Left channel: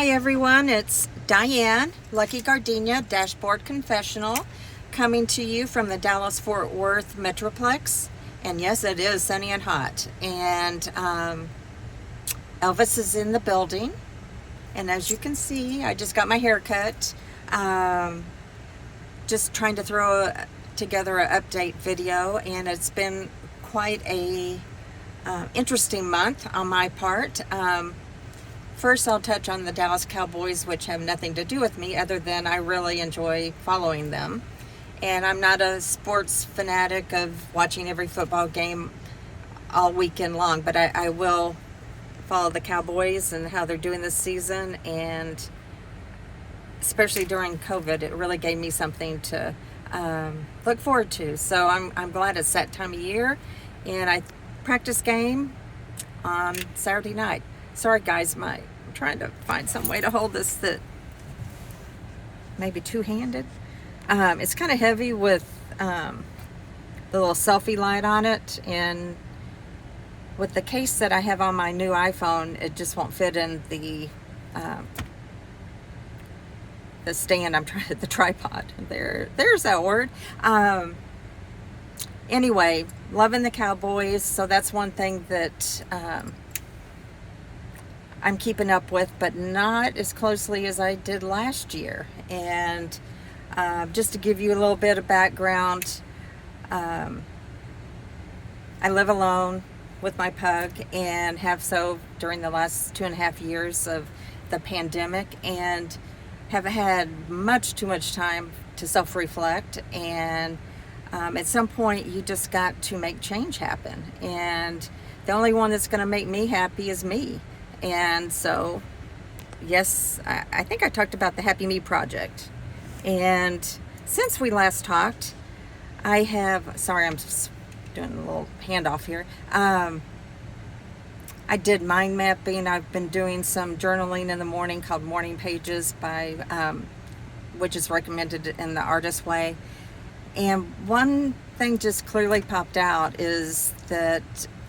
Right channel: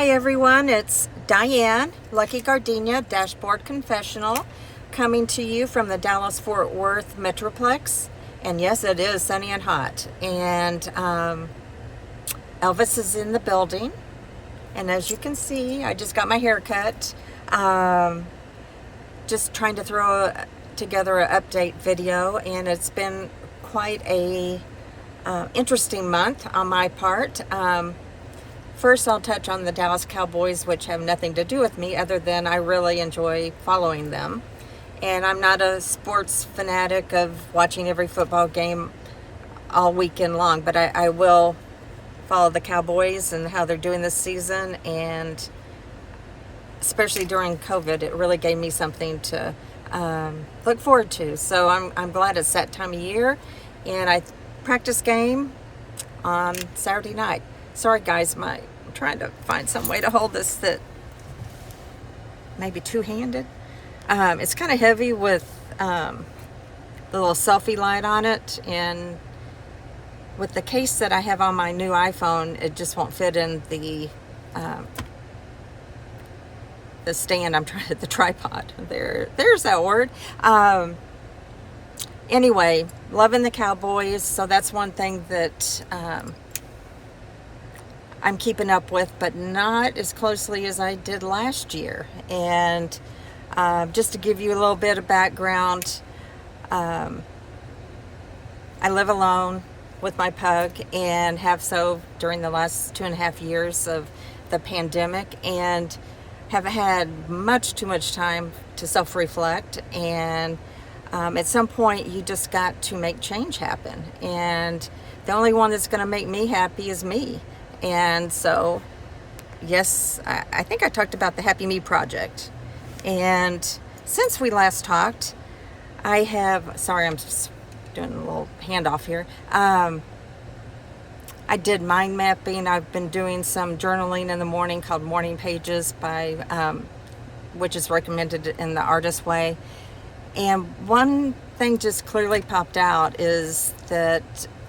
Hi everyone, it's Diane, Lucky Gardenia, Dashboard Confessional, coming to you from the Dallas-Fort Worth Metroplex. And yes, it is sunny and hot. And Elvis is in the building. And as you can see, I just got my hair cut. Just trying to throw together an update video, and it's been quite a interesting month on my part. First, I'll touch on the Dallas Cowboys, which have nothing to do with me other than I really enjoy following them. And I'm not a sports fanatic of watching every football game all weekend long, but I will follow the Cowboys and how they're doing this season. And especially during COVID, it really gave me something to look forward to. So I'm glad it's that time of year. And I practice game on Saturday night. Sorry guys, I'm trying to find some way to hold this that maybe two-handed. It's kind of heavy with the little selfie light on it, and with the case that I have on my new iPhone, it just won't fit in the stand. I'm trying the tripod. There's that word. Anyway, loving the Cowboys, so that's one thing that I'm keeping up with, but not as closely as I did last year. And just to give you a little bit of background, I live alone with my pug and have so during the last 2.5 years of the pandemic, and have had much too much time to self-reflect. And at some point you just got to make change happen, and the only one that's going to make me happy is me. And so, yes, I think I talked about the Happy Me Project. And since we last talked, I have, sorry, I'm just doing a little handoff here. I did mind mapping. I've been doing some journaling in the morning called Morning Pages by, which is recommended in the Artist Way. And one thing just clearly popped out is that,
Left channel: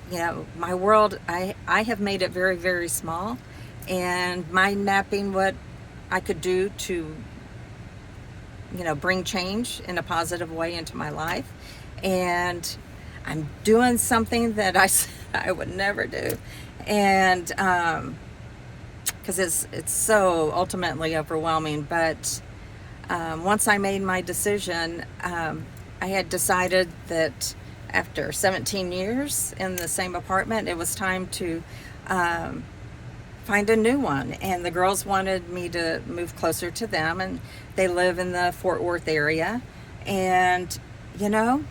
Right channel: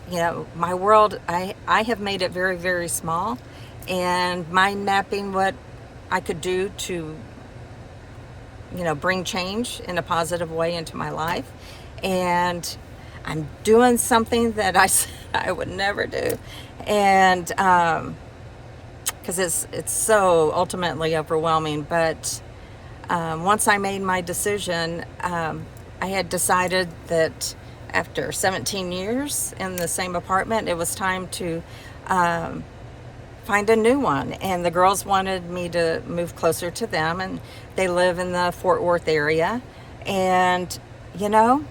you know, my world, I have made it very, very small, and mind mapping what I could do to, you know, bring change in a positive way into my life. And I'm doing something that I said I would never do. And because it's so ultimately overwhelming. But once I made my decision, I had decided that after 17 years in the same apartment, it was time to find a new one. And the girls wanted me to move closer to them, and they live in the Fort Worth area. And, you know,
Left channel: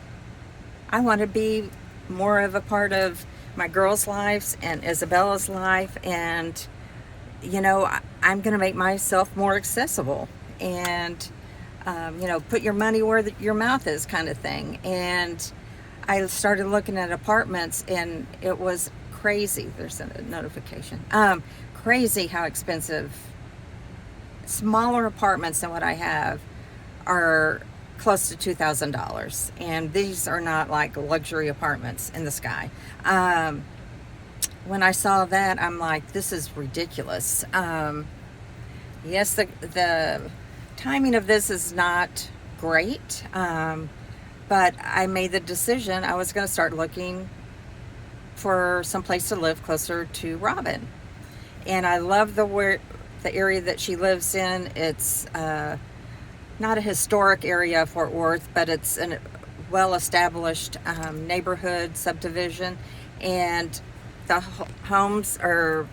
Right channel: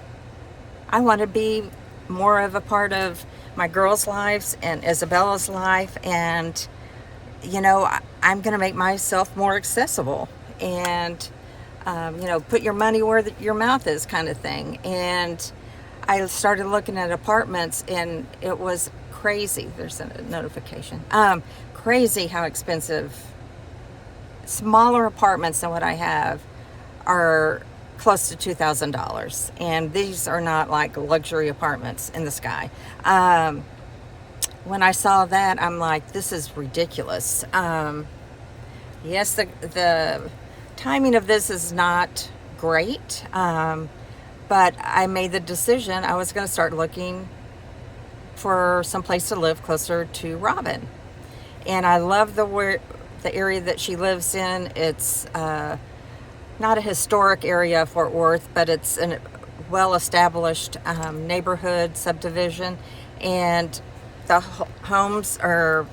I want to be more of a part of my girls' lives and Isabella's life. And, you know, I'm going to make myself more accessible. And, you know, put your money where your mouth is, kind of thing. And I started looking at apartments, and it was crazy. There's a notification. Crazy how expensive smaller apartments than what I have are close to $2,000. And these are not like luxury apartments in the sky. When I saw that, I'm like, this is ridiculous. Yes, the timing of this is not great. But I made the decision I was going to start looking for some place to live closer to Robin. And I love the area that she lives in. It's not a historic area of Fort Worth, but it's a well-established neighborhood subdivision. And the homes are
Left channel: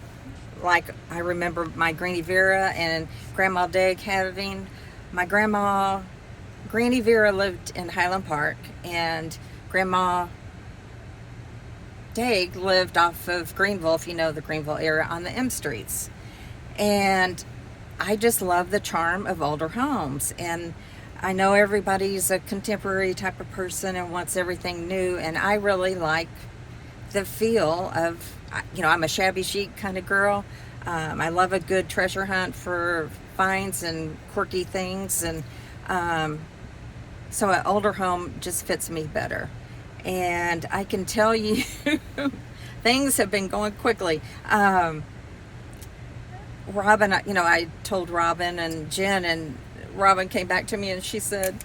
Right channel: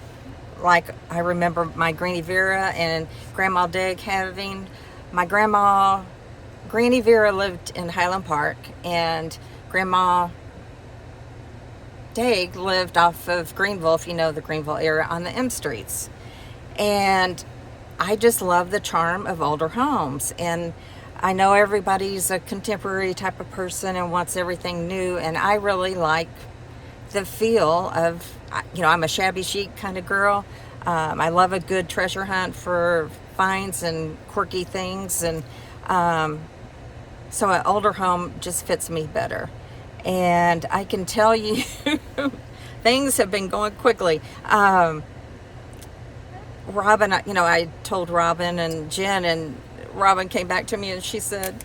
like, I remember my Granny Vera and Grandma Dig having. My grandma Granny Vera lived in Highland Park, and Grandma Daig lived off of Greenville, if you know the Greenville area, on the M Streets. And I just love the charm of older homes. And I know everybody's a contemporary type of person and wants everything new, and I really like the feel of, you know, I'm a shabby chic kind of girl. I love a good treasure hunt for finds and quirky things, and so an older home just fits me better. And I can tell you things have been going quickly. Robin, I told Robin and Jen, and Robin came back to me and she said,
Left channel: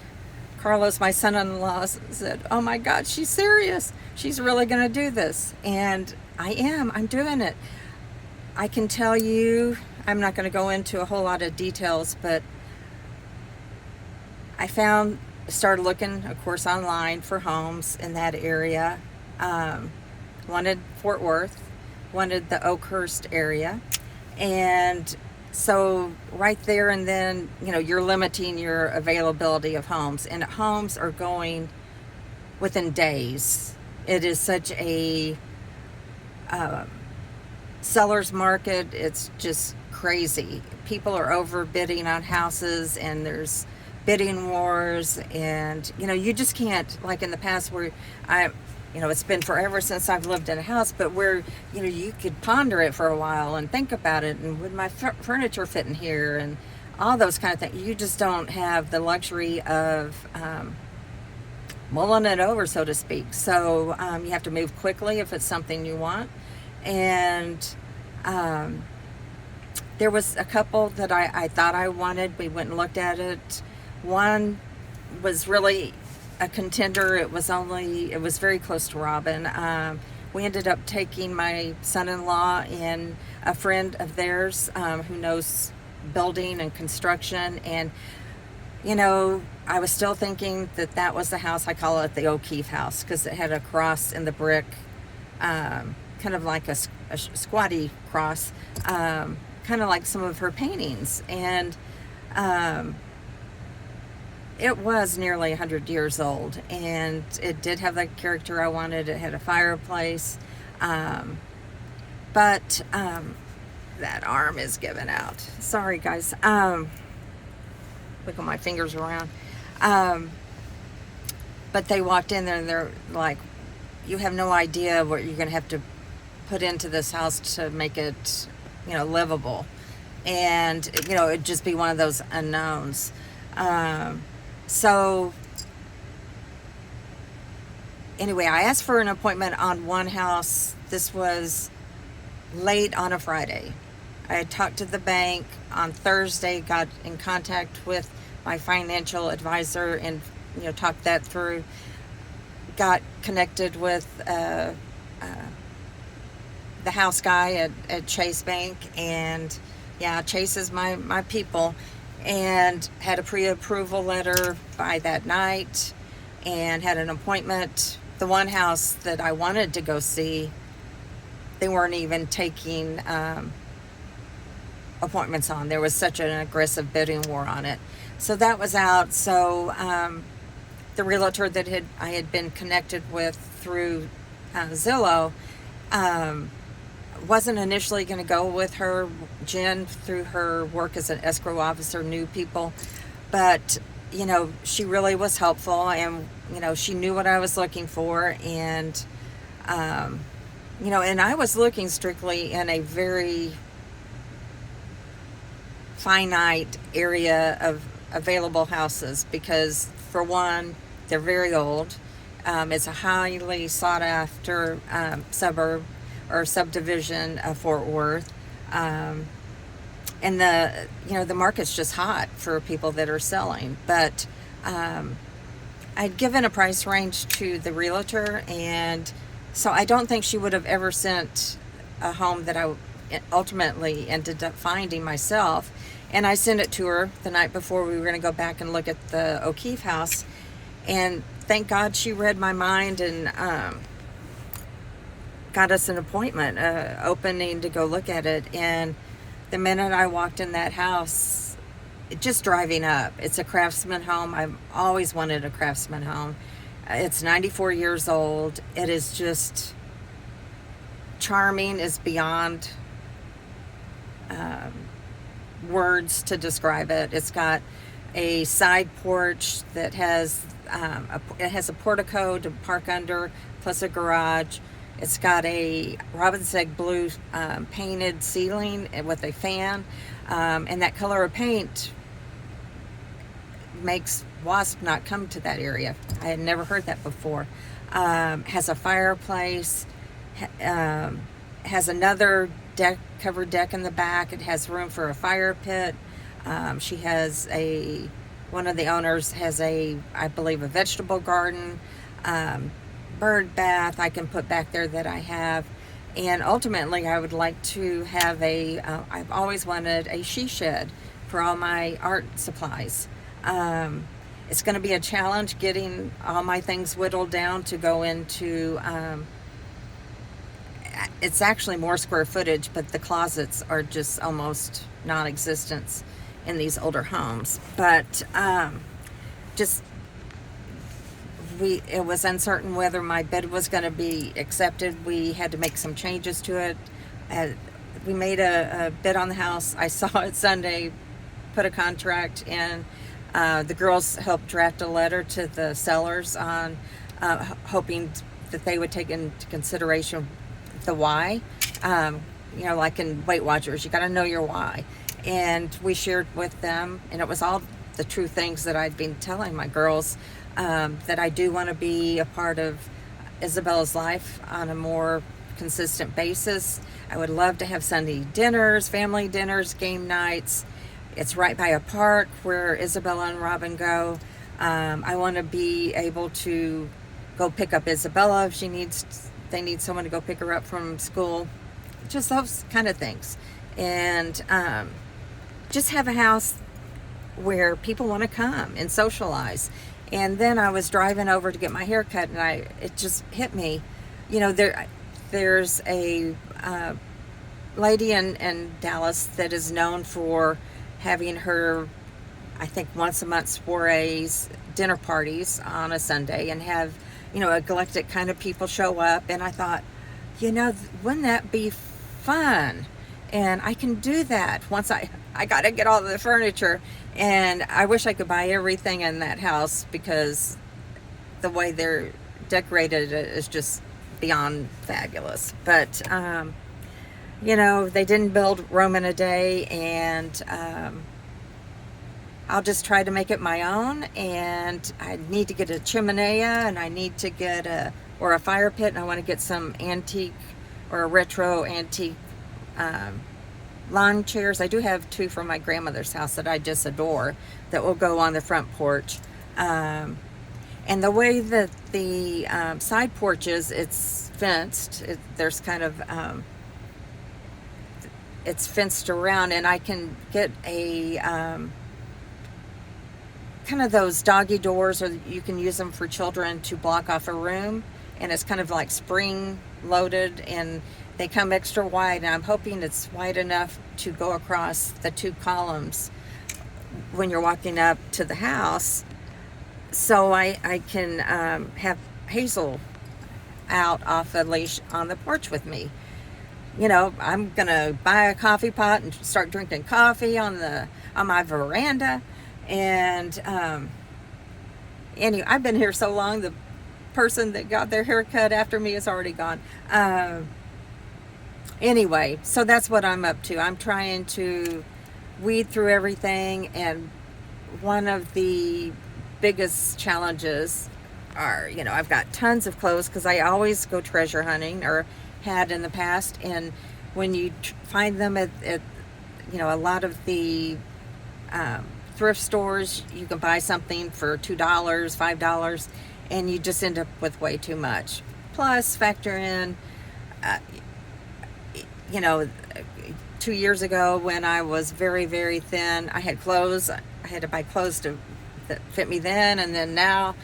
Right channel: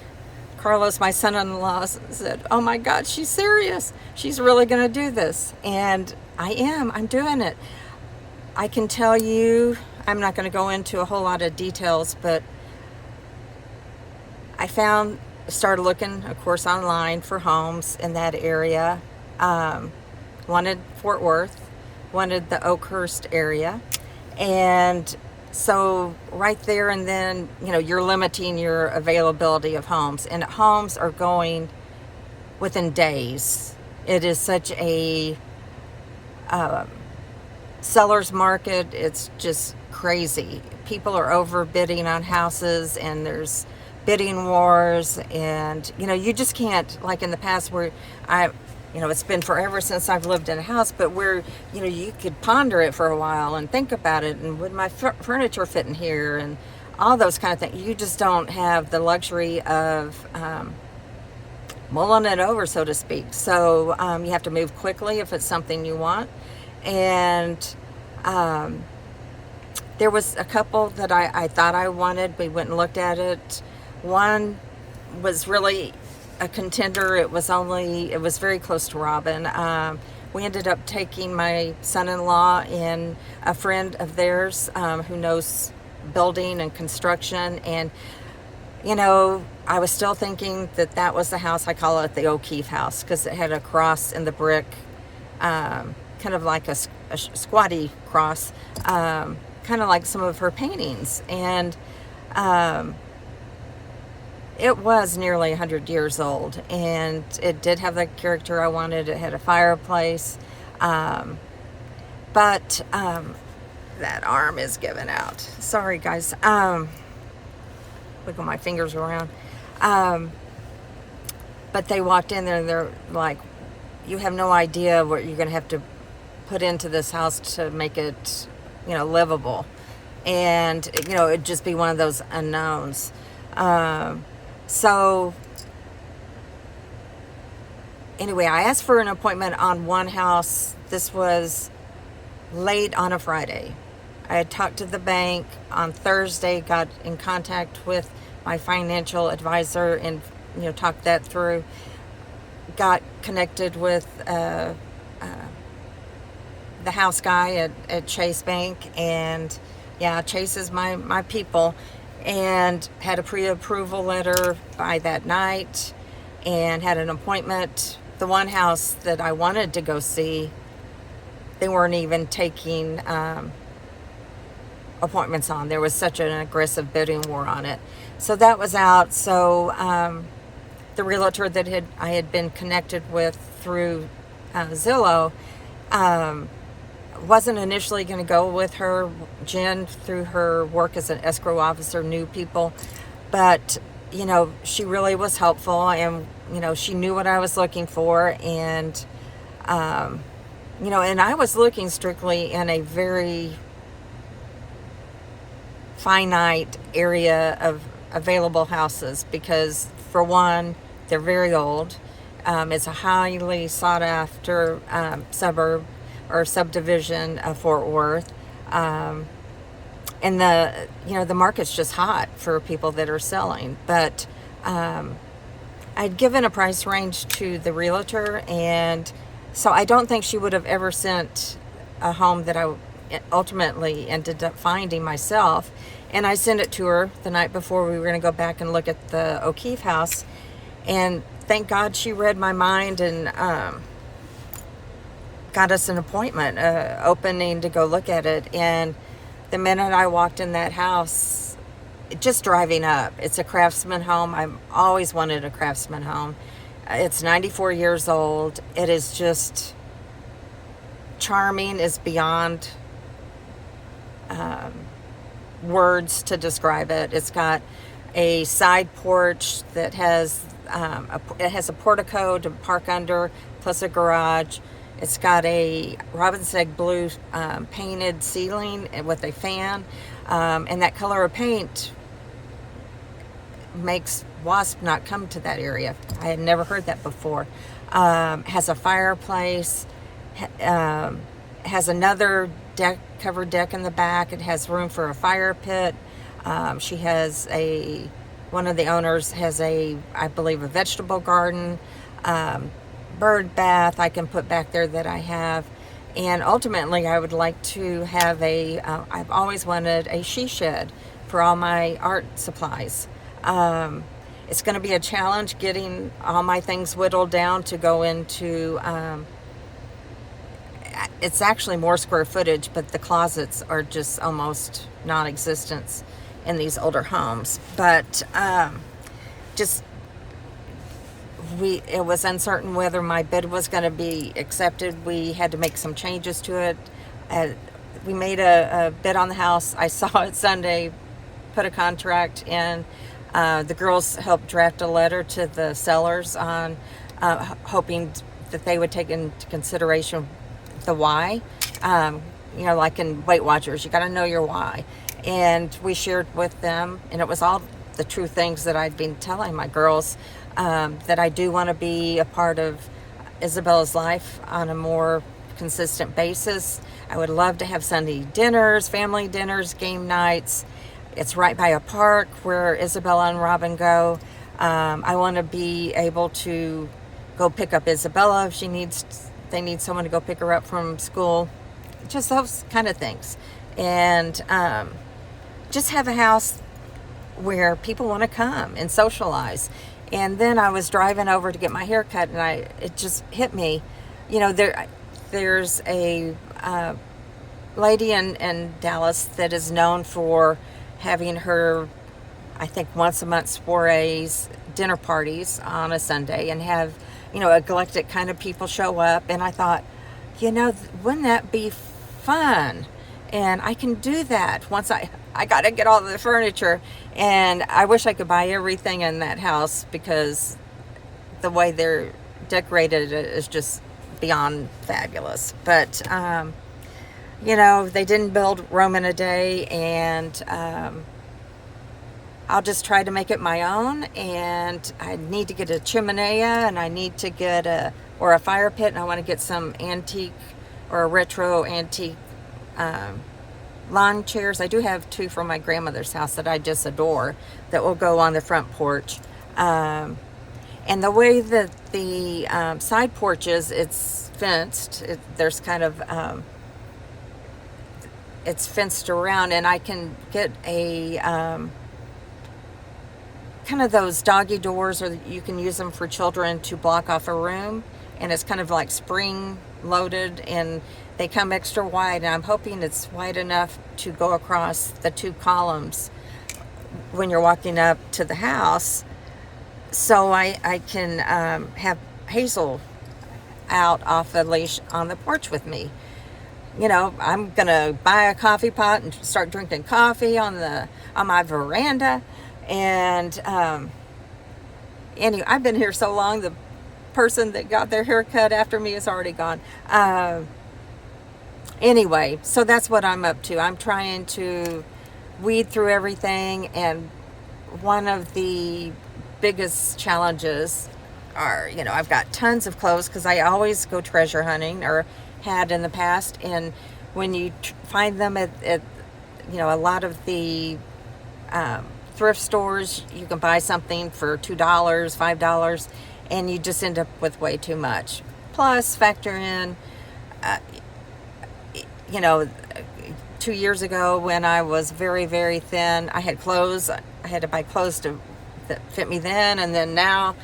Carlos, my son-in-law, said, oh my God, she's serious. She's really going to do this. And I am. I'm doing it. I can tell you, I'm not going to go into a whole lot of details, but I started looking, of course, online for homes in that area. Wanted Fort Worth, wanted the Oakhurst area. And so right there and then, you're limiting your availability of homes, and homes are going within days. It is such a seller's market. It's just crazy. People are overbidding on houses, and there's bidding wars, and you just can't, like in the past where it's been forever since I've lived in a house, but where, you could ponder it for a while and think about it, and would my furniture fit in here, and all those kind of things. You just don't have the luxury of mulling it over, so to speak. So you have to move quickly if it's something you want. And there was a couple that I thought I wanted. We went and looked at it. One was really a contender. It was very close to Robin. We ended up taking my son-in-law and a friend of theirs who knows building and construction, and I was still thinking that was the house. I call it the O'Keefe house because it had a cross in the brick, kind of like a squatty cross, kind of like some of her paintings. And it was nearly 100 years old, and it did have the character I wanted. It had a fireplace, but that arm is giving out. Sorry, guys. Wiggle my fingers around. But they walked in there, and they're like, you have no idea what you're going to have to put into this house to make it, livable. And, it'd just be one of those unknowns. So anyway, I asked for an appointment on one house. This was late on a Friday. I had talked to the bank on Thursday, got in contact with my financial advisor and, talked that through. Got connected with the house guy at Chase Bank, and Chase is my people. And had a pre-approval letter by that night, and had an appointment. The one house that I wanted to go see, they weren't even taking appointments on. There was such an aggressive bidding war on it. So that was out. So the realtor that I had been connected with through Zillow, wasn't initially going to go with her. Jen, through her work as an escrow officer, knew people, but she really was helpful, and she knew what I was looking for. And and I was looking strictly in a very finite area of available houses, because for one, they're very old. It's a highly sought after suburb or subdivision of Fort Worth, and the market's just hot for people that are selling. But I'd given a price range to the realtor, and so I don't think she would have ever sent a home that I ultimately ended up finding myself. And I sent it to her the night before we were going to go back and look at the O'Keefe house, and thank God she read my mind and got us an appointment, opening to go look at it. And the minute I walked in that house, just driving up, it's a Craftsman home. I've always wanted a Craftsman home. It's 94 years old. It is just charming, is beyond words to describe it. It's got a side porch that has it has a portico to park under, plus a garage. It's got a robin's egg blue painted ceiling with a fan, and that color of paint makes wasp not come to that area. I had never heard that before. Has a fireplace, has another covered deck in the back. It has room for a fire pit. She has one of the owners has I believe, a vegetable garden, bird bath I can put back there that I have. And ultimately, I would like to have I've always wanted a she shed for all my art supplies. It's going to be a challenge getting all my things whittled down to go into, it's actually more square footage, but the closets are just almost non-existent in these older homes. But it was uncertain whether my bid was going to be accepted. We had to make some changes to it. We made a bid on the house. I saw it Sunday, put a contract in. The girls helped draft a letter to the sellers on hoping that they would take into consideration the why. Like in Weight Watchers, you got to know your why. And we shared with them, and it was all the true things that I'd been telling my girls, that I do want to be a part of Isabella's life on a more consistent basis. I would love to have Sunday dinners, family dinners, game nights. It's right by a park where Isabella and Robin go. I want to be able to go pick up Isabella if they need someone to go pick her up from school. Just those kind of things. And just have a house where people want to come and socialize. And then I was driving over to get my hair cut, and it just hit me. There's a lady in Dallas that is known for having her, I think, once a month soirees, dinner parties on a Sunday, and have, eclectic kind of people show up. And I thought, wouldn't that be fun? And I can do that once I got to get all the furniture. And I wish I could buy everything in that house, because the way they're decorated is just beyond fabulous. But, they didn't build Rome in a day, and I'll just try to make it my own. And I need to get a chimenea, and I need to get a fire pit, and I want to get some antique or a retro antique lawn chairs. I do have 2 from my grandmother's house that I just adore that will go on the front porch. And the way that the side porch is, it's fenced. There's kind of it's fenced around, and I can get a kind of those doggy doors, or you can use them for children to block off a room, and it's kind of like spring loaded, and they come extra wide, and I'm hoping it's wide enough to go across the 2 columns when you're walking up to the house, so I can have Hazel out off a leash on the porch with me. I'm gonna buy a coffee pot and start drinking coffee on my veranda. And anyway, I've been here so long, the person that got their hair cut after me is already gone. Anyway, so that's what I'm up to. I'm trying to weed through everything, and one of the biggest challenges are, I've got tons of clothes, because I always go treasure hunting, or had in the past, and when you find them at a lot of the thrift stores, you can buy something for $2, $5, and you just end up with way too much. Plus, factor in 2 years ago, when I was very, very thin, I had clothes. I had to buy clothes that fit me then, and then now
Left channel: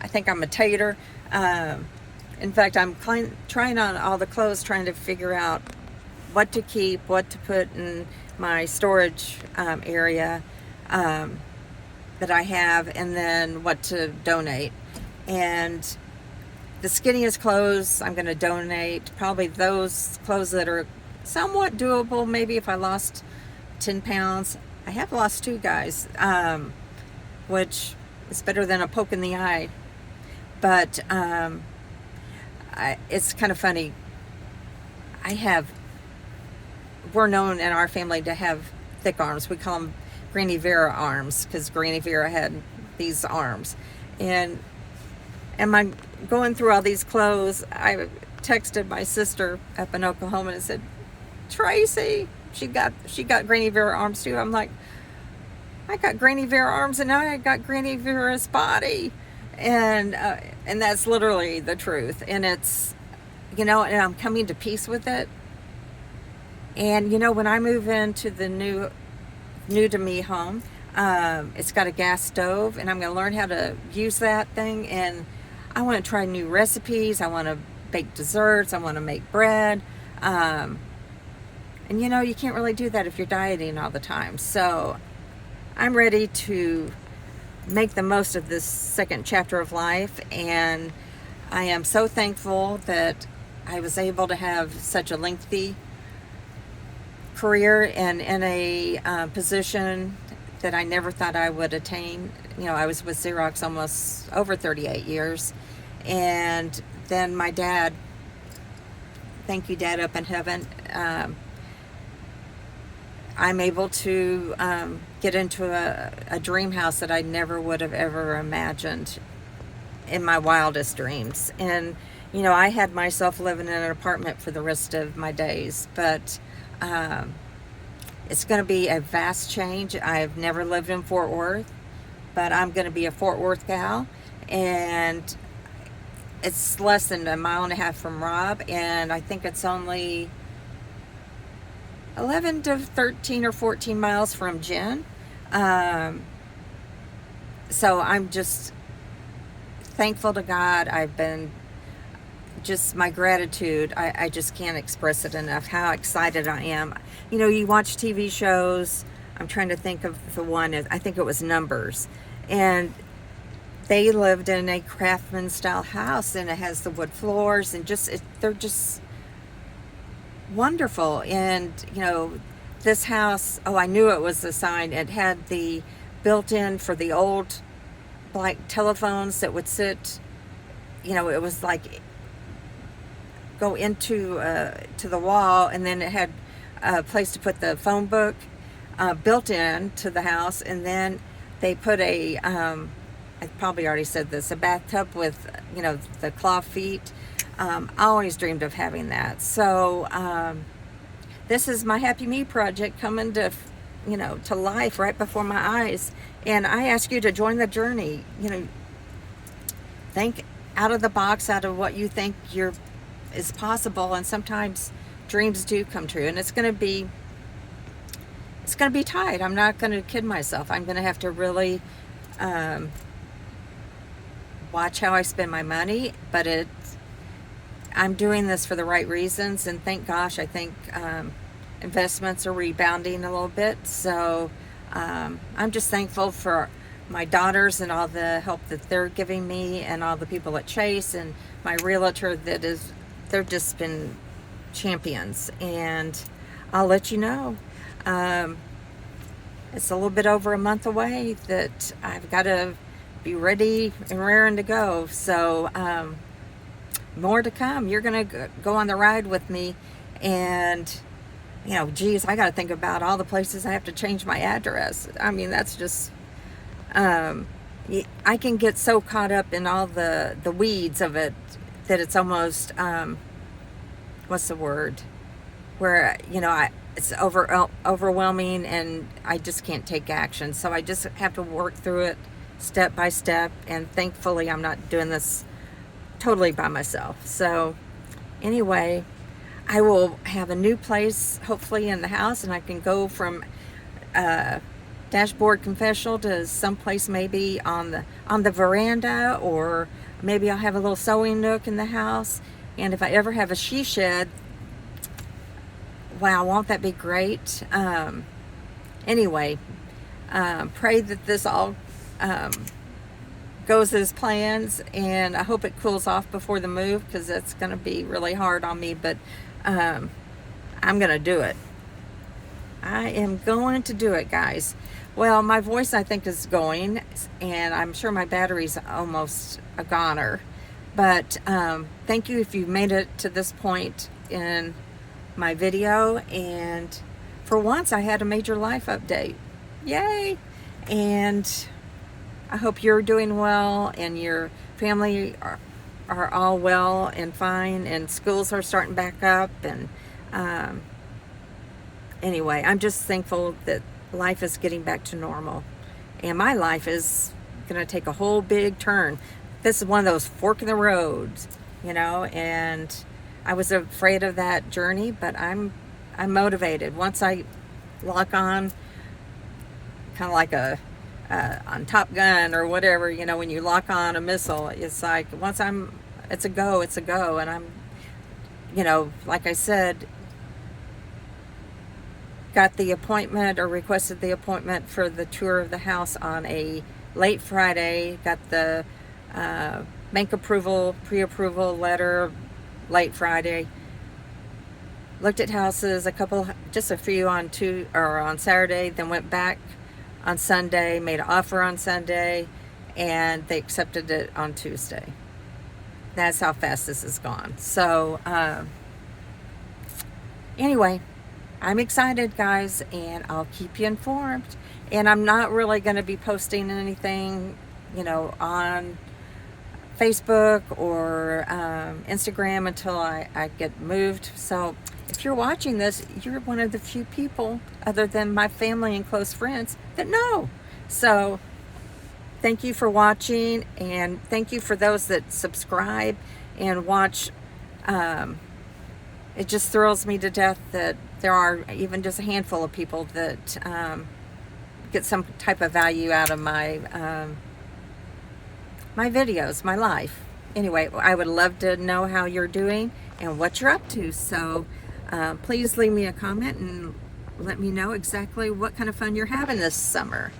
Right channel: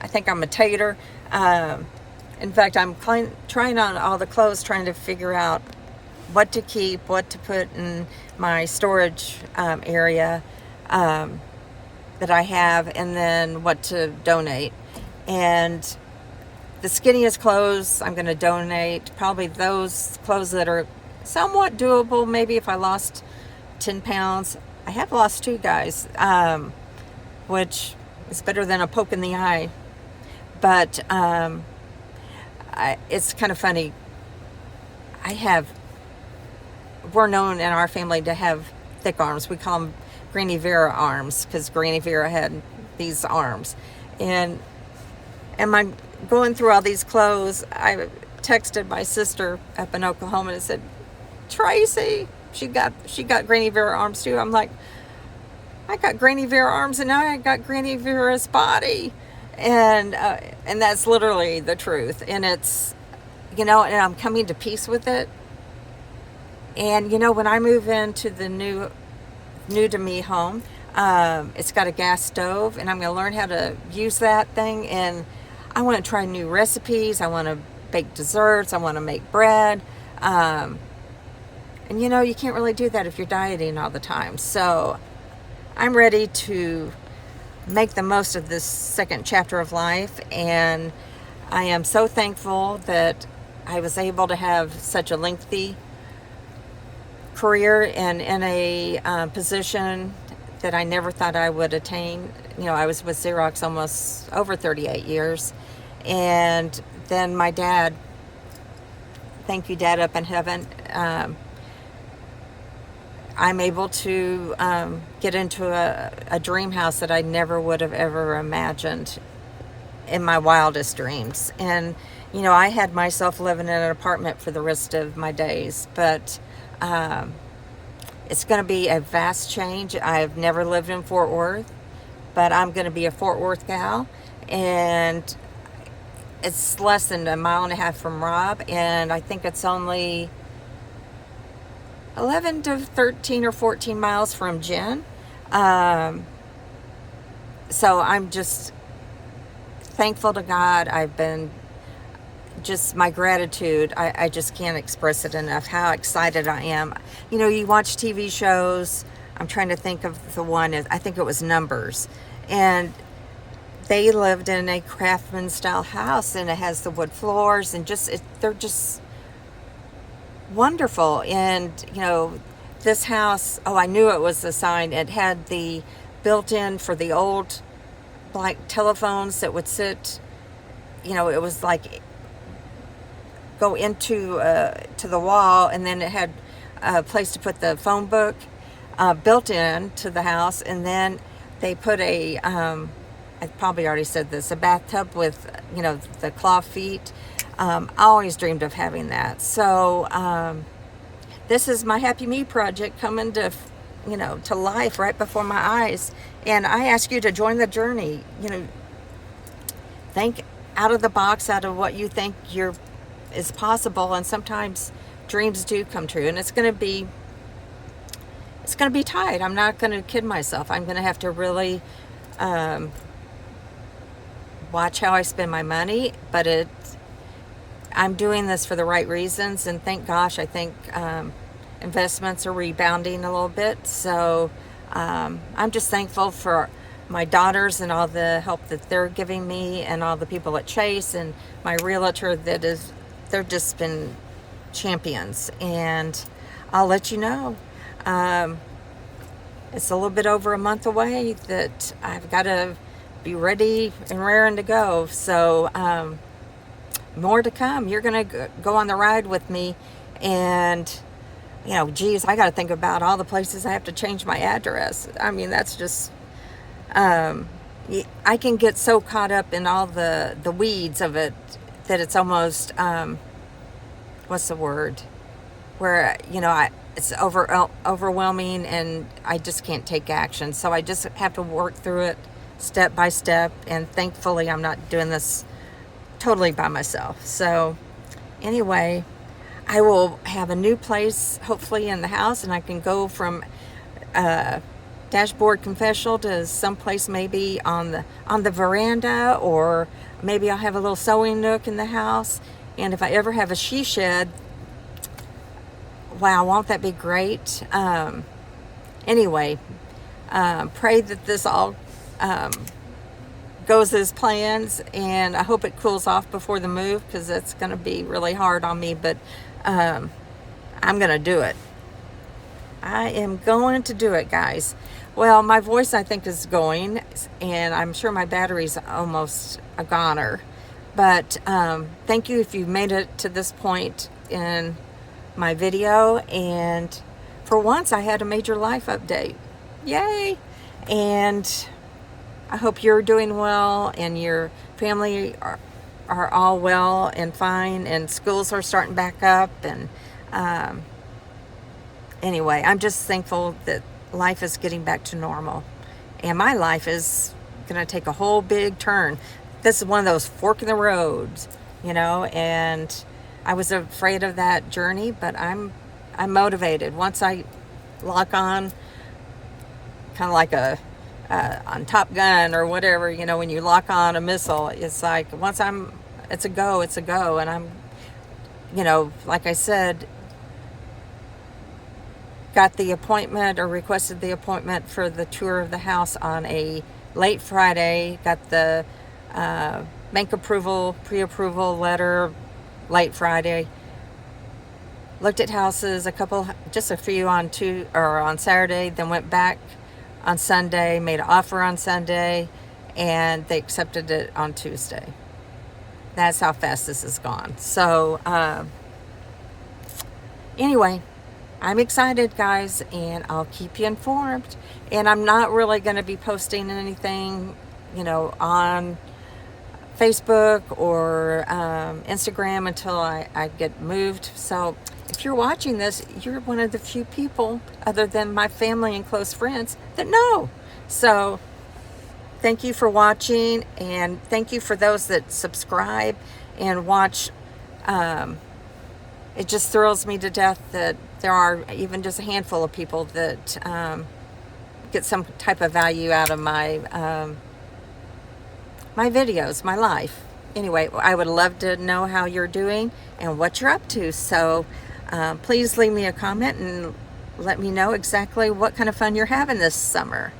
I think I'm a tater. In fact, I'm trying on all the clothes, trying to figure out what to keep, what to put in my storage area that I have, and then what to donate. And the skinniest clothes I'm going to donate, probably those clothes that are somewhat doable. Maybe if I lost 10 pounds. I have lost 2, guys, which is better than a poke in the eye. But it's kind of funny. We're known in our family to have thick arms. We call them Granny Vera arms, because Granny Vera had these arms. And my going through all these clothes, I texted my sister up in Oklahoma and said, Tracy, she got Granny Vera arms too. I'm like, I got Granny Vera arms and now I got Granny Vera's body. And that's literally the truth. And it's, and I'm coming to peace with it. And, when I move into the new to me home, it's got a gas stove, and I'm going to learn how to use that thing. And I want to try new recipes. I want to bake desserts. I want to make bread. And, you can't really do that if you're dieting all the time. So I'm ready to make the most of this second chapter of life. And I am so thankful that I was able to have such a lengthy career and in a position that I never thought I would attain. I was with Xerox almost over 38 years. And then my dad, thank you, Dad up in heaven, I'm able to get into a dream house that I never would have ever imagined in my wildest dreams. And, I had myself living in an apartment for the rest of my days, but it's going to be a vast change. I've never lived in Fort Worth, but I'm going to be a Fort Worth gal, and it's less than a mile and a half from Rob, and I think it's only 11 to 13 or 14 miles from Jen. So I'm just thankful to God. I've been just, my gratitude, I just can't express it enough, how excited I am. You watch TV shows. I'm trying to think of the one, I think it was Numbers. And they lived in a craftsman style house, and it has the wood floors, and they're just wonderful. And, this house, I knew it was a sign. It had the built-in for the old, like, telephones that would sit, it was like go into to the wall, and then it had a place to put the phone book built in to the house. And then they put I probably already said this, a bathtub with the claw feet. I always dreamed of having that. So this is my Happy Me project coming to to life right before my eyes. And I ask you to join the journey. Think out of the box, out of what you think is possible. And sometimes dreams do come true, and it's going to be tight. I'm not going to kid myself. I'm going to have to really watch how I spend my money, but I'm doing this for the right reasons, and thank gosh, I think investments are rebounding a little bit. So I'm just thankful for my daughters and all the help that they're giving me, and all the people at Chase and my realtor they've just been champions. And I'll let you know, it's a little bit over a month away that I've got to be ready and raring to go. So more to come. You're gonna go on the ride with me, and geez, I got to think about all the places I have to change my address. I mean, that's just I can get so caught up in all the weeds of it that it's almost what's the word, where it's overwhelming, and I just can't take action. So I just have to work through it step by step, and thankfully I'm not doing this totally by myself. So anyway, I will have a new place hopefully in the house, and I can go from dashboard confessional to someplace maybe on the veranda, or maybe I'll have a little sewing nook in the house. And if I ever have a she shed, wow, won't that be great? Anyway, pray that this all goes as plans, and I hope it cools off before the move, because that's going to be really hard on me. But I'm going to do it. I am going to do it, guys. Well, my voice, I think, is going, and I'm sure my battery's almost a goner. But thank you if you've made it to this point in my video. And for once, I had a major life update. Yay! And I hope you're doing well, and your family are all well and fine, and schools are starting back up. And anyway, I'm just thankful that life is getting back to normal. And my life is going to take a whole big turn. This is one of those fork in the roads, you know, and I was afraid of that journey, but I'm motivated. Once I lock on, kind of like on Top Gun or whatever, you know, when you lock on a missile, it's like it's a go, and I'm, you know, like I said, got the appointment or requested the appointment for the tour of the house on a late Friday, got the bank approval, pre-approval letter late Friday, looked at houses, just a few on Saturday, then went back on Sunday, made an offer on Sunday, and they accepted it on Tuesday. That's how fast this has gone. So anyway, I'm excited, guys, and I'll keep you informed. And I'm not really going to be posting anything, you know, on Facebook or Instagram until I get moved. So if you're watching this, you're one of the few people, other than my family and close friends, that know. So thank you for watching, and thank you for those that subscribe and watch. It just thrills me to death that there are even just a handful of people that get some type of value out of my my videos, my life. Anyway, I would love to know how you're doing and what you're up to. So please leave me a comment and let me know exactly what kind of fun you're having this summer.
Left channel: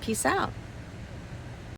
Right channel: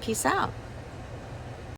Peace out.